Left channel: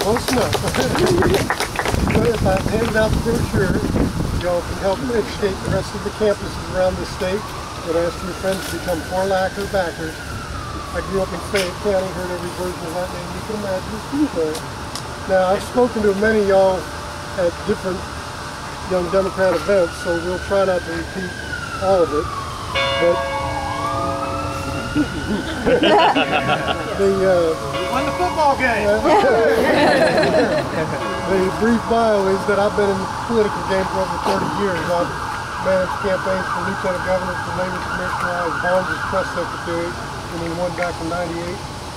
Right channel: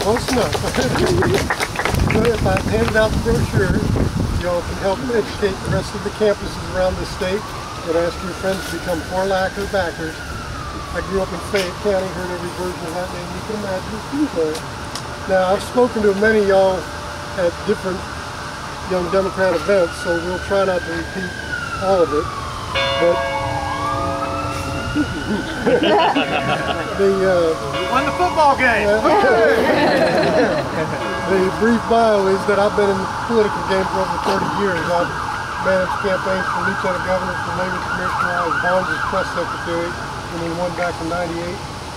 Close enough. If I handed out the brochure, y'all can help educate the rest of the campuses around the state and ask your friends to become Horlacher backers. I grew up in Fayette County, heard every version of that name you can imagine. Now, I've spoken to many of y'all at different Young Democrat events, so we'll try not to repeat all of it. But won the football game. The brief bio is that I've been in the political game for over 30 years. I've managed campaigns for lieutenant governor, for labor commissioner. I was Barnes' press secretary, and then won back in '98.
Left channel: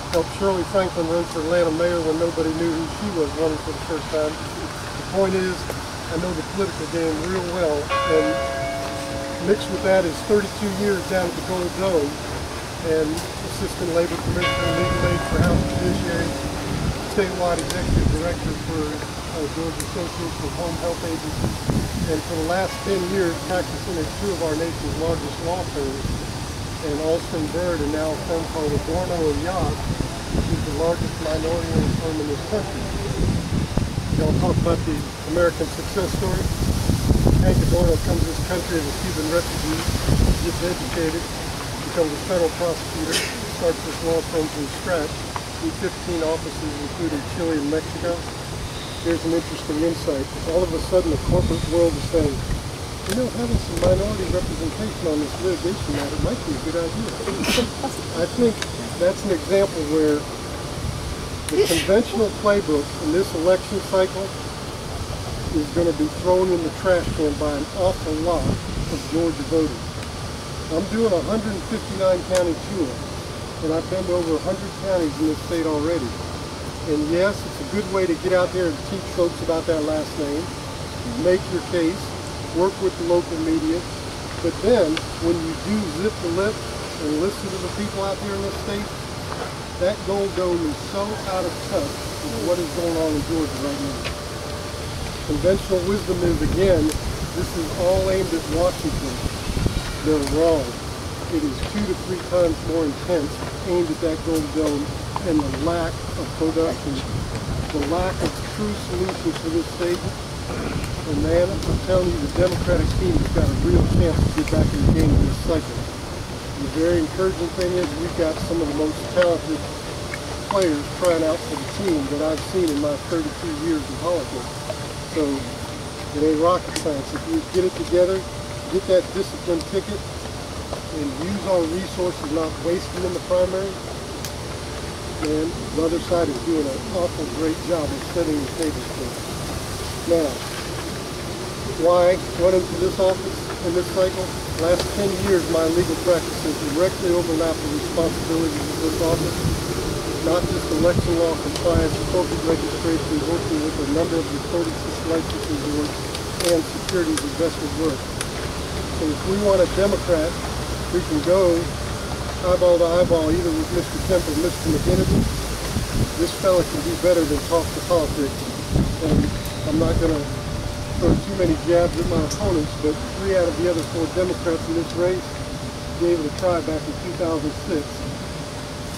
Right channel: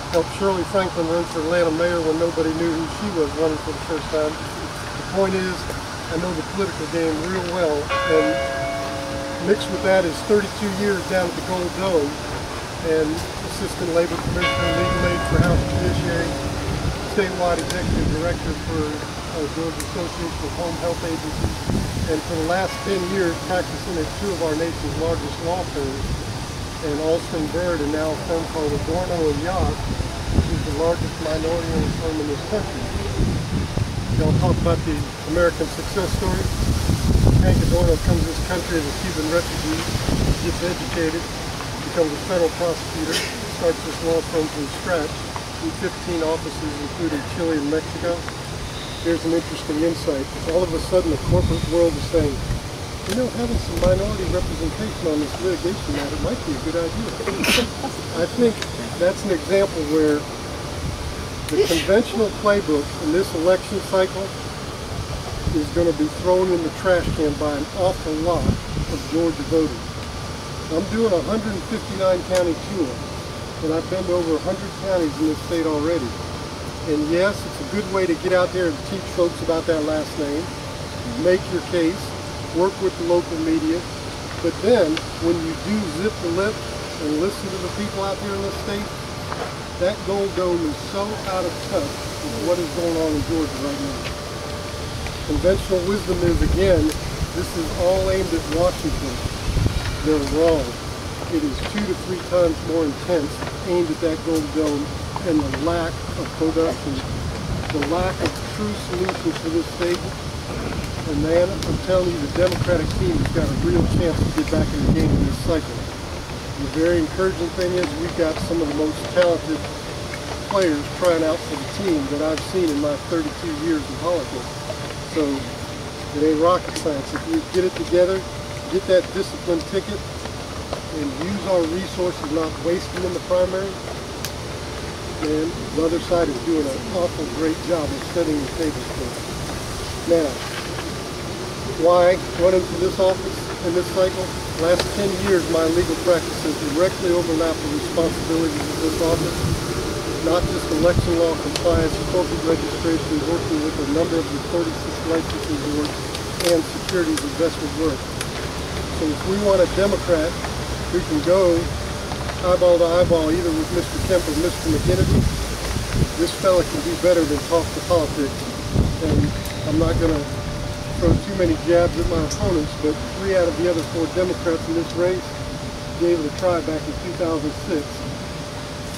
Helped Shirley Franklin run for Atlanta mayor when nobody knew who she was running for the first time. The point is, I know the political game real well, and mixed with that is 32 years down at the Gold Dome, and assistant labor commissioner, legal aid for House Judiciary, statewide executive director for Georgia Association of Home Health Agencies, and for the last 10 years practicing at two of our nation's largest law firms, and Alston Bird, and now a firm called Adorno and Yacht, which is the largest minority-owned firm in this country. Y'all talk about the American success story. Hank Adorno comes to this country as a Cuban refugee, gets educated, becomes a federal prosecutor, starts this law firm from scratch in 15 offices, including Chile and Mexico. Here's an interesting insight. All of a sudden, the corporate world is saying, you know, having some minority representation on this litigation matter might be a good idea. I think that's an example where the conventional playbook in this election cycle is going to be thrown in the trash can by an awful lot of Georgia voters. I'm doing a 159 county tour, and I've been to over 100 counties in this state already. And yes, it's a good way to get out there and teach folks about that last name, make your case, work with the local media, but then when you do zip the lip and listen to the people out there in this state, that Gold Dome is so out of touch with what is going on in Georgia right now. Conventional wisdom is, again, this is all aimed at Washington. They're wrong. It is 2 to 3 times more intense, aimed at that Gold Dome, and the lack of production, the lack of true solutions for this state. And man, I'm telling you, the Democratic team has got a real chance to get back in the game in this cycle. And the very encouraging thing is we've got some of the most talented players trying out for the team that I've seen in my 32 years in politics. So it ain't rocket science. If you get it together, get that discipline ticket, and use our resources, not waste them in the primary, and the other side is doing an awful great job of setting the table for us. Now, why run into this office in this cycle? Last 10 years, my legal practice has directly overlapped the responsibilities of this office, not just election law compliance, corporate registration, working with a number of the 46 licensing boards, and securities investment work. So if we want a Democrat who can go eyeball to eyeball either with Mr. Kemp or Mr. McGinnity, this fella can do better than talk to politics. And I'm not going to throw too many jabs at my opponents, but 3 out of the other 4 Democrats in this race gave it a try back in 2006.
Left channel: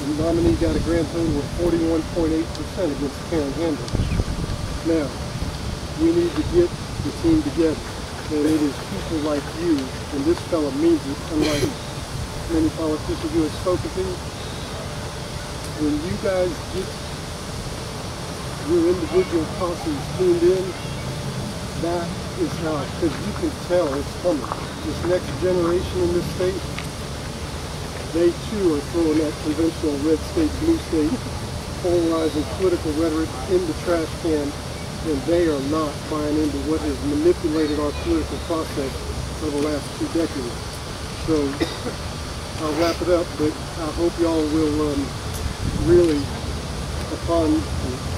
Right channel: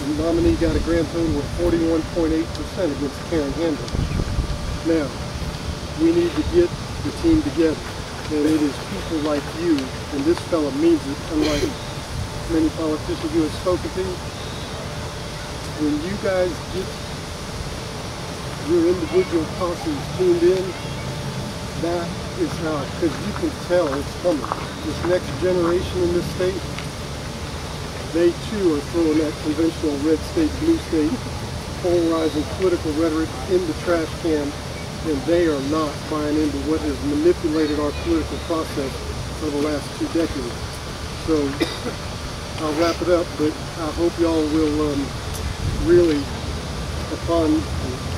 The nominee got a grand total of 41.8% against Karen Handel. Now, we need to get the team together. And it is people like you, and this fella means it, unlike many politicians you have spoken to. When you guys get your individual posses tuned in, that is how, because you can tell it's coming. This next generation in this state, they too are throwing that conventional red state, blue state, polarizing political rhetoric in the trash can, and they are not buying into what has manipulated our political process for the last 2 decades. So I'll wrap it up, but I hope y'all will really, upon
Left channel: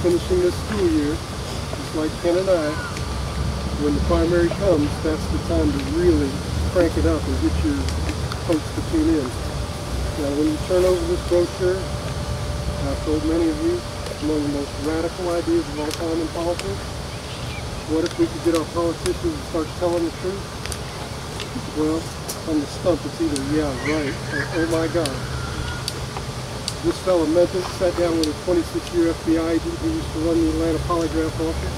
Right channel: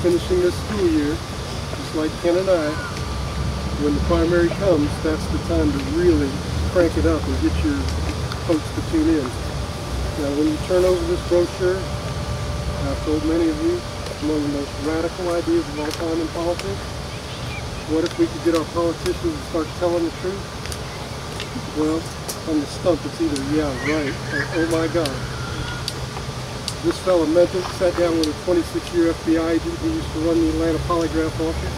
finishing this school year, just like Ken and I, when the primary comes, that's the time to really crank it up and get your folks to tune in. Now, when you turn over this brochure, I've told many of you, one of the most radical ideas of all time in politics. What if we could get our politicians to start telling the truth? Well, on the stump it's either yeah, right, or oh my God. This fellow meant it, sat down with a 26-year FBI agent who used to run the Atlanta polygraph office,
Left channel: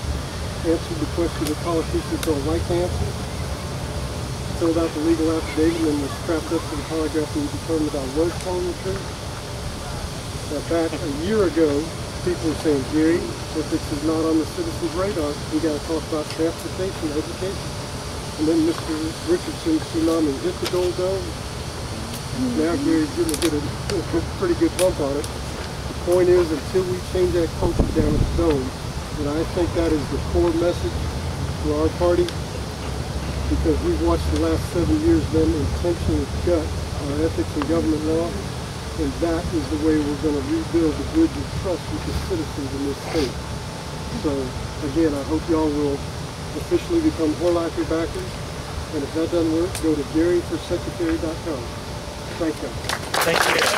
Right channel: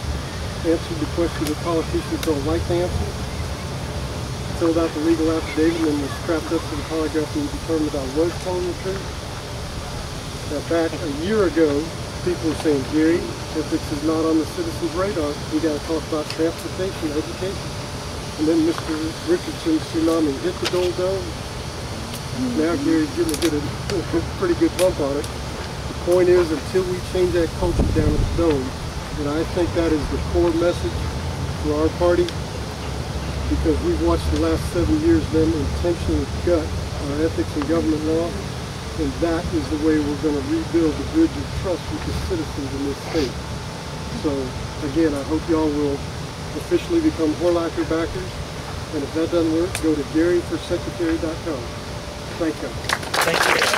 answered the question that politicians don't like to answer, filled out the legal affidavit, and was strapped up to the polygraph and determined I was telling the truth. Now back a year ago, people were saying, Gary, if this is not on the citizens' radar, we got to talk about transportation, education. And then Mr. Richardson's tsunami hit the dome. Now Gary's getting a pretty good bump on it. The point is, until we change that culture down at the dome, and I think that is the core message for our party, because we've watched the last 7 years them intentionally gut our ethics and government law, and that is the way we're going to rebuild the bridge of trust with the citizens in this state. So again, I hope y'all will officially become Horlacher backers, and if that doesn't work, go to GaryForSecretary.com. Thank you. Thank you.